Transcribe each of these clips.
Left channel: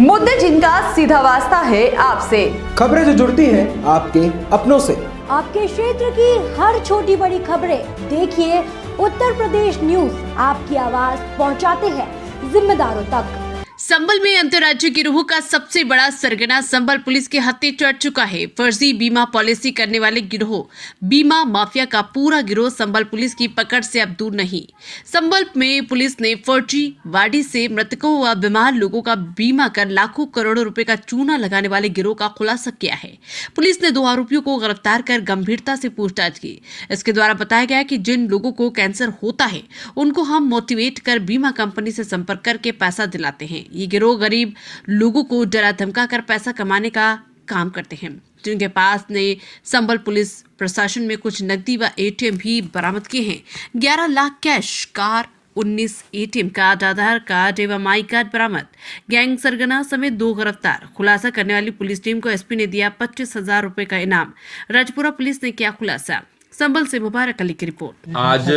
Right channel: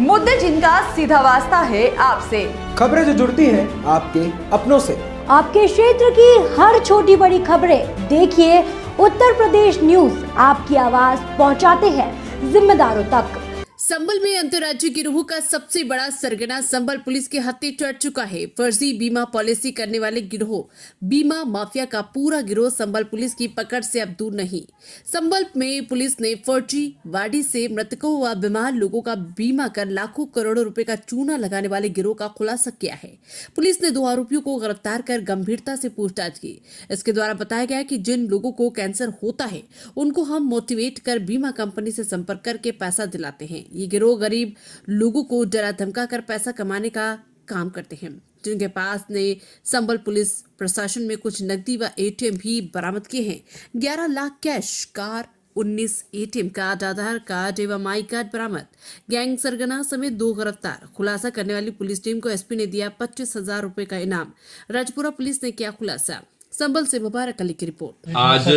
मुद्दे जिनका सीधा वास्ता है आपसे, खबरें जो जुड़ती है आपके अपनों से। आपके क्षेत्र की हर छोटी बड़ी खबरें देखिए उत्तर प्रदेश न्यूज आपकी आवाज पहुंचाते हैं जिम्मेदारों तक। संबल में अंतर्राज्यीय गिरोह का सबसे बड़ा सरगना संबल पुलिस के हत्थे चढ़ चुका है। फर्जी बीमा पॉलिसी करने वाले गिरोह बीमा माफिया का पूरा गिरोह संबल पुलिस की पकड़ से अब दूर नहीं। संबल में पुलिस ने फर्जी वाडी से मृतकों व बीमार लोगों का बीमा कर लाखों करोड़ों रुपए का चूना लगाने वाले गिरोह का खुलासा किया है। पुलिस ने 2 आरोपियों को गिरफ्तार कर गंभीरता से पूछताछ की। इसके द्वारा बताया गया कि जिन लोगों को कैंसर होता है उनको हम मोटिवेट कर बीमा कंपनी से संपर्क करके पैसा दिलाते हैं। ये गिरोह गरीब लोगों को डरा धमका कर पैसा कमाने का काम करते हैं। जिनके पास ने संबल पुलिस प्रशासन में कुछ नकदी व एटीएम भी बरामद किए हैं। 11 lakh cash, car, 19 ATM card, Aadhaar card एवं आई कार्ड बरामद। गैंग सरगना समेत 2 गिरफ्तार। खुलासा करने वाली पुलिस टीम को एसपी ने दिया 25,000 रुपए का इनाम। राजपुरा पुलिस ने किया खुलासा। संबल से मुबारक अली की रिपोर्ट। आज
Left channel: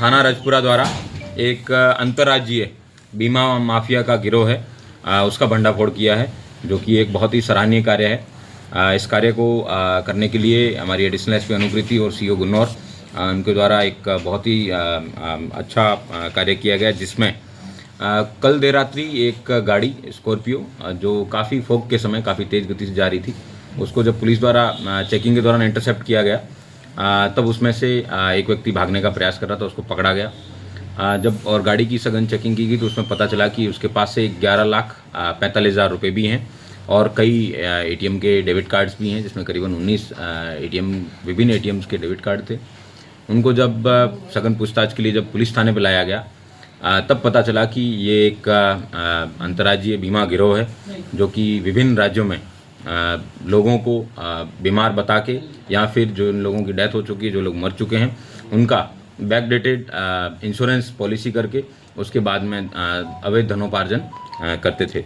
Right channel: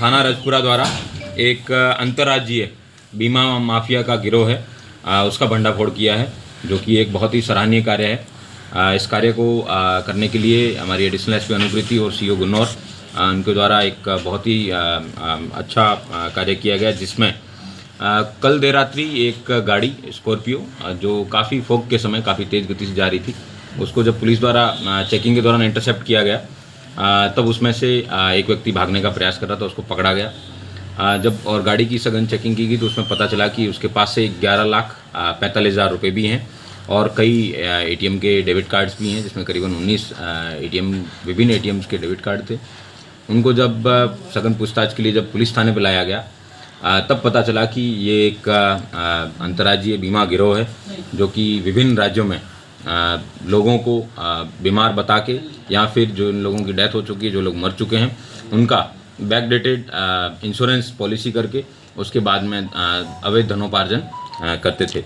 थाना राजपुरा द्वारा एक अंतर्राज्यीय बीमा माफिया का गिरोह है उसका भंडाफोड़ किया है, जो कि एक बहुत ही सराहनीय कार्य है। इस कार्य को करने के लिए हमारी एडिशनल एसपी अनुप्रीति और सीओ गुन्नौर उनके द्वारा एक बहुत ही अच्छा कार्य किया गया, जिसमें कल देर रात्रि एक गाड़ी स्कॉर्पियो जो काफ़ी फॉग के समय काफ़ी तेज़ गति से जा रही थी, उसको जब पुलिस द्वारा चेकिंग के दौरान इंटरसेप्ट किया गया तब उसमें से एक व्यक्ति भागने का प्रयास कर रहा था, उसको पकड़ा गया। जब और गाड़ी की सघन चेकिंग की गई तो उसमें पता चला कि उसके पास से 11,45,000 रुपये भी हैं और कई एटीएम के डेबिट कार्ड्स भी हैं, जिसमें करीबन 19 विभिन्न एटीएम्स के डेबिट कार्ड थे। उनको जब सघन पूछताछ के लिए जब पुलिस थाने पर लाया गया तब पता चला कि ये एक अंतर्राज्यीय बीमा गिरोह है, जो कि विभिन्न राज्यों में लोगों को बीमार बता के या फिर जो लोगों की डेथ हो चुकी है, जो लोग मर चुके हैं, उनका बैकडेटेड इंश्योरेंस पॉलिसी करके उसके बाद में अवैध धनोपार्जन करते थे।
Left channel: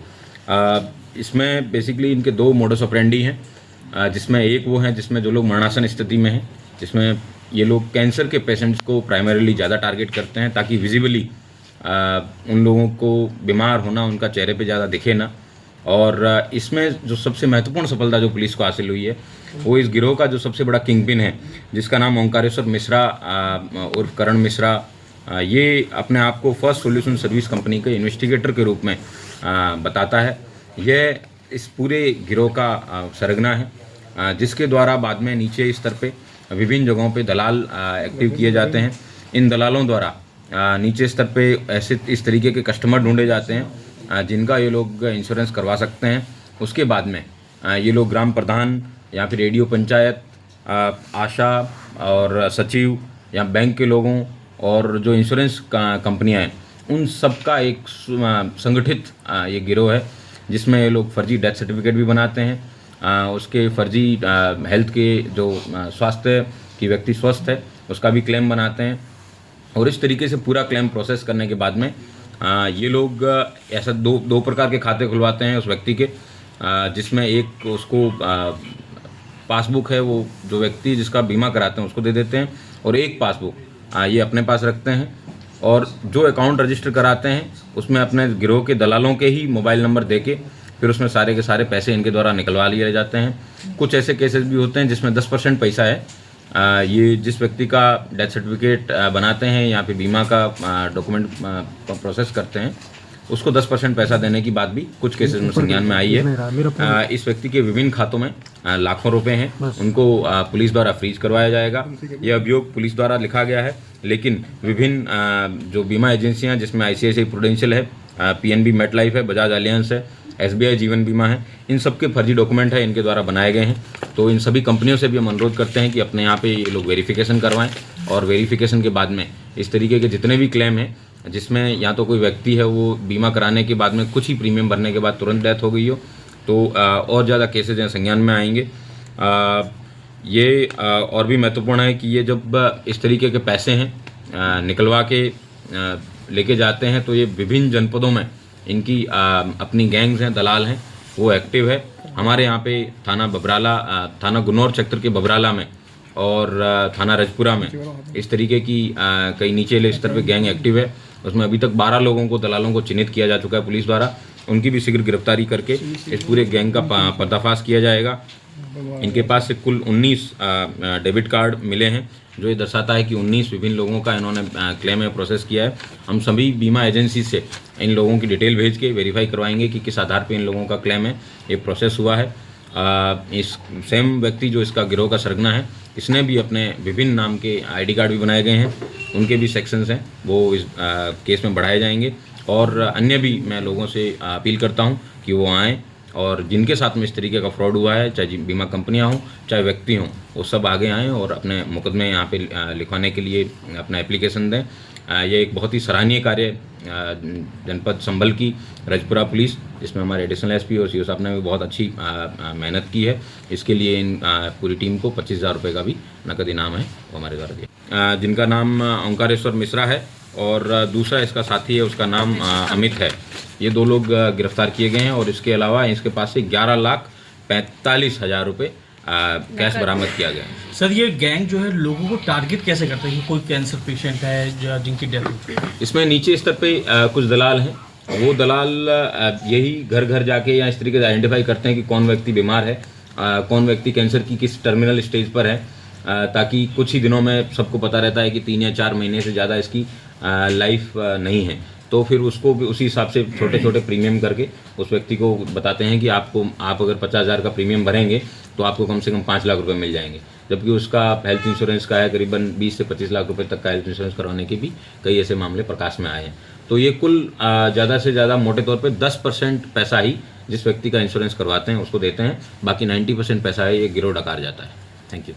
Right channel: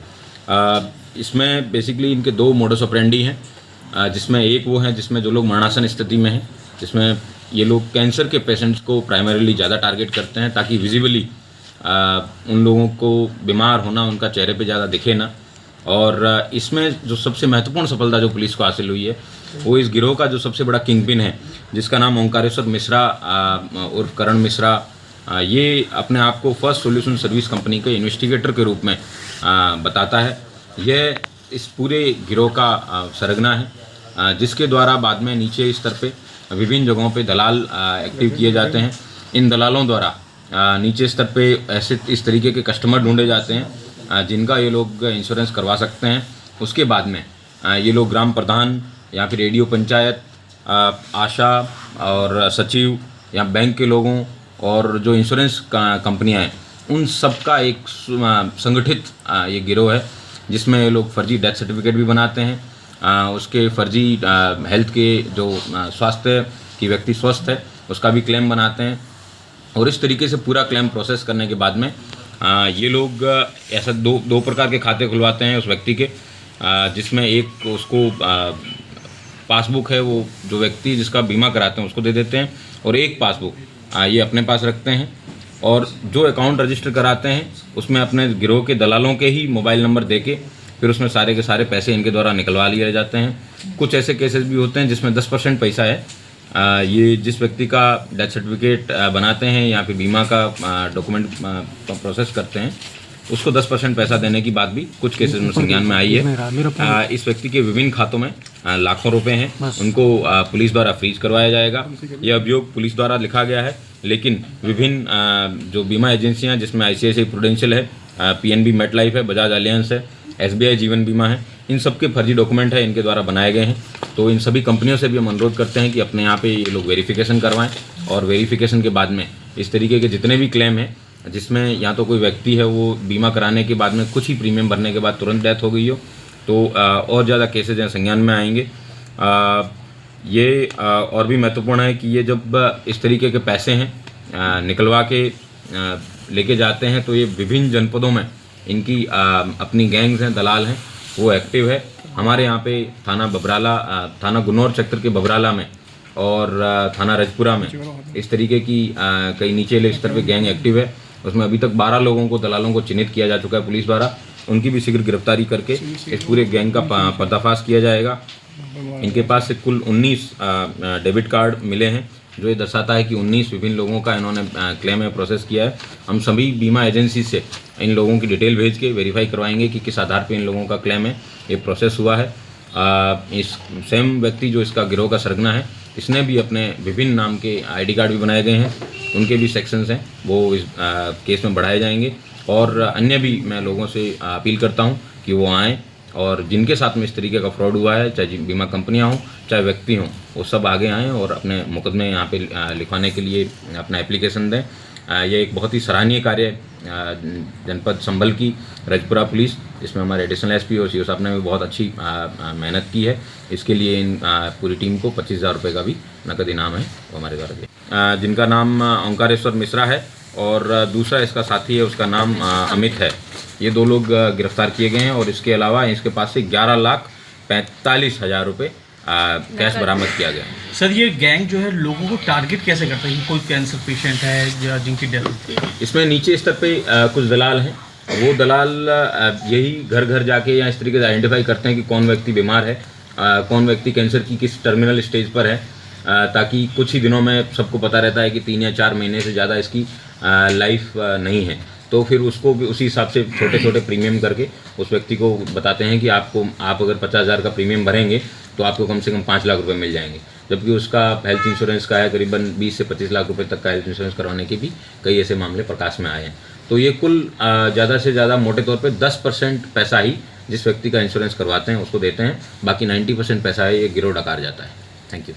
इसमें बेसिकली इनके 2 मोडस ऑपरेंडी हैं, जिसमें एक वो है जिसमें जो लोग मरणासन स्थिति में हैं, जिसमें ये लोग कैंसर के पेशेंट्स को प्राइमरीली ज़्यादा टारगेट करते हैं ताकि विजिबली उन लोगों को बीमार होना उनका चेहरे पे ज़्यादा दिखे ना। और इसमें जो सबसे महत्वपूर्ण सफलता जो पुलिस को हासिल हुई है वो इस गिरोह का जो सबसे बड़ा किंगपिन है, जिसका नाम ओंकारेश्वर मिश्रा उर्फ करण मिश्रा, ये अपने आप को फर्स्ट सॉल्यूशन सर्विस कंपनी के इन्वेस्टिगेटर के रूप में बताता है। यह इस पूरे गिरोह का सरगना है, जिसके द्वारा बाद में नीचे स्तर पे विभिन्न जगहों पे दलाल एक्टिव किए जाते हैं। इन दलालों द्वारा नीचे स्तर पे ऐसे इस तरीके के कस्टमर ढूंढे जाते हैं जिनका ये लोग इंश्योरेंस करवा सकते हैं। उसके बाद में ये लोग ग्राम प्रधान या फिर रेडियो पंचायत, आशा और सचिव या बैंक के लोगों और जो इंश्योरेंस कंपनियां हैं, उन सब का एक संगठित ये गिरोह है, जिसमें ये लोग फर्जी डेथ सर्टिफिकेट भी बनाते हैं। उसके फर्जी हेल्थ के जो स्वास्थ्य की व्यक्ति स्वस्थ है उसका भी क्लेम बनाते हैं। और इस तरीके से पूरा क्लेम प्रोसेस करने के बाद में ये लोग ऐसा दो प्रकार के खाते खुलवाते हैं उस व्यक्ति के, जिसमें एक उसको पासबुक है, वो जो व्यक्ति जिसका बीमा कराते हैं उसको दे देते हैं, और एक पासबुक ये अपने पास रखते हैं। और जो अकाउंट रजिस्टर कराते हैं उसमें अपने गिरोह के दलालों के ही मोबाइल नंबर देके फिर उसमें सारे के सारे पैसे इनके द्वारा निकलवा लिए जाते हैं। कुछ ऐसे केसेस भी होते हैं जिसमें 10% पैसा है, ये जिस व्यक्ति का डेथ सर्टिफिकेट बनाते हैं या फिर बीमा का डॉक्यूमेंट प्रोसेस करते हैं उसको 10% पैसा देने की बात भी कुछ केसेस में संज्ञान में आई है। इस व्यक्ति के विभिन्न खातों में लाखों रुपए हैं, उनको पुलिस द्वारा फ्रीज करवाया जाएगा। यह अभियोग पुलिस द्वारा लिखा गया है, लेकिन विभिन्न जो बीमा एजेंसियां जिसमें ICICI प्रूडेंशियल है, PNB मेटलाइफ है, बजाज अलियांस है, SBI जीवन बीमा है, इन सब के फर्जी डॉक्यूमेंट है इनके द्वारा बनाए गए हैं। तो इन सभी कंपनियों से भी हम अनुरोध करते हैं कि अपने यहाँ पे ये लोग वेरिफिकेशन करवाएं, और वेरिफिकेशन के बाद में इस तरीके के जितने भी क्लेम हैं जिसमें या तो कोई व्यक्ति है वो बीमा कराने के बाद में कुछ ही प्रीमियम भरने के बाद तुरंत डेथ हो गई हो, तो और ज़्यादा केसेज हैं संज्ञान में आएंगे। ये और भी महत्वपूर्ण है कि ये जब इस तरीके के पैसे हैं निकलवा के लेके जाते हैं तो ये विभिन्न जनपदों में इनकी अपनी गैंग्स हैं, दलाल हैं, वो एक्टिव है। हमारे यहाँ पे थाना बबराला, थाना गुन्नौर सेक्टर के बबराला में और थाना राजपुरा में इस तरीके की कई नीचे स्तर पे गैंग एक्टिव है। उसमें अभी तक 12 लोगों को, दलालों को चिन्हित किया जा चुका है पुलिस द्वारा, उनकी भी शीघ्र गिरफ्तारी करके इस पूरे गैंग का पर्दाफाश किया जाएगा। इनके पास से कुल 19 डेबिट कार्ड मिले हैं, जो ये दर्शाता है कि 19 विभिन्न लोगों का इन्होंने क्लेम में प्रोसेस किया है। हम सभी बीमा एजेंसी से इन लोगों की डिटेल भेज के वेरीफाई करवाएंगे कि किस आधार पर इन लोगों का क्लेम है, ये प्रोसेस हुआ है। इस सेम व्यक्ति जो इसका गिरोह का सरगना है, इसने भी अपने विभिन्न नाम के आईडी कार्ड भी बनाए गए हैं, उनके भी सेक्शंस हैं, वो इस केस में बढ़ाए जाएंगे। और अन्य भी मैं लोगों से अपील करता हूं कि वो आएँ और जिनके साथ में इस तरीके का फ्रॉड हुआ है, चाहे बीमा कंपनियां हों चाहे व्यक्ति हों, वो सब आगे आएँ और अपने मुकदमे यहाँ पे लिखवाने के लिए अपना एप्लीकेशन दें। ये एक बहुत ही सराहनीय कार्य जनपद संभल की रजपुरा पुलिस, इसमें हमारे एडिशनल एसपी और सीओ साहब ने भी बहुत अच्छी मेहनत की है। इसके लिए इन पूरी टीम को 25,000 रुपये का भी नकद इनाम है, वो हमारे द्वारा दिया। जिनका नाम ओंकारेश्वर मिश्रा है और दूसरा इसका साथी है, उसका नाम अमित है। ये 2 लोग गिरफ्तार किए गए हैं और इसके अलावा इसके पास से 11,45,000 रुपये कैश बरामद किया गया है। सर, ये गैंग जो है लोगों को टारगेट कैसे करता है? कोई कैंसर पेशेंट है या जिनकी डेथ होती है? इसमें नीचे स्तर पे कुछ दलाल हैं, वो दलाल यही घर घर जाके या इस तरीके से आइडेंटिफाई करते हैं कि कौन व्यक्ति बीमार है, कौन व्यक्ति कैंसर की किस टर्मिनल स्टेज पर है, ताकि कुछ ही दिनों में सबको पता रहता है कि 3 या 4 महीने से ज़्यादा इसकी लाइफ नहीं है। तो फिर उसको भी उसी हिसाब से छोटे छोटे प्रीमियम करके उस व्यक्ति को बताते हैं कि आप अगर 50,000 का प्रीमियम भरेंगे तो आपको कम से कम 5 लाख रुपए मिल जाएंगे, जबकि उसका हेल्थ इंश्योरेंस का है करीबन 20 से 25 लाख रुपए तक का हेल्थ इंश्योरेंस करवाने के भी कई ऐसे मामले प्रकाश में आए हैं। तो ये कुल ज़्यादा से ज़्यादा मोटे तौर पे 10% पैसा ही जिस व्यक्ति का इंश्योरेंस करवाते हैं उसको देते हैं, बाकी 90% पैसा है ये गिरोह डकार जाता है। Thank you.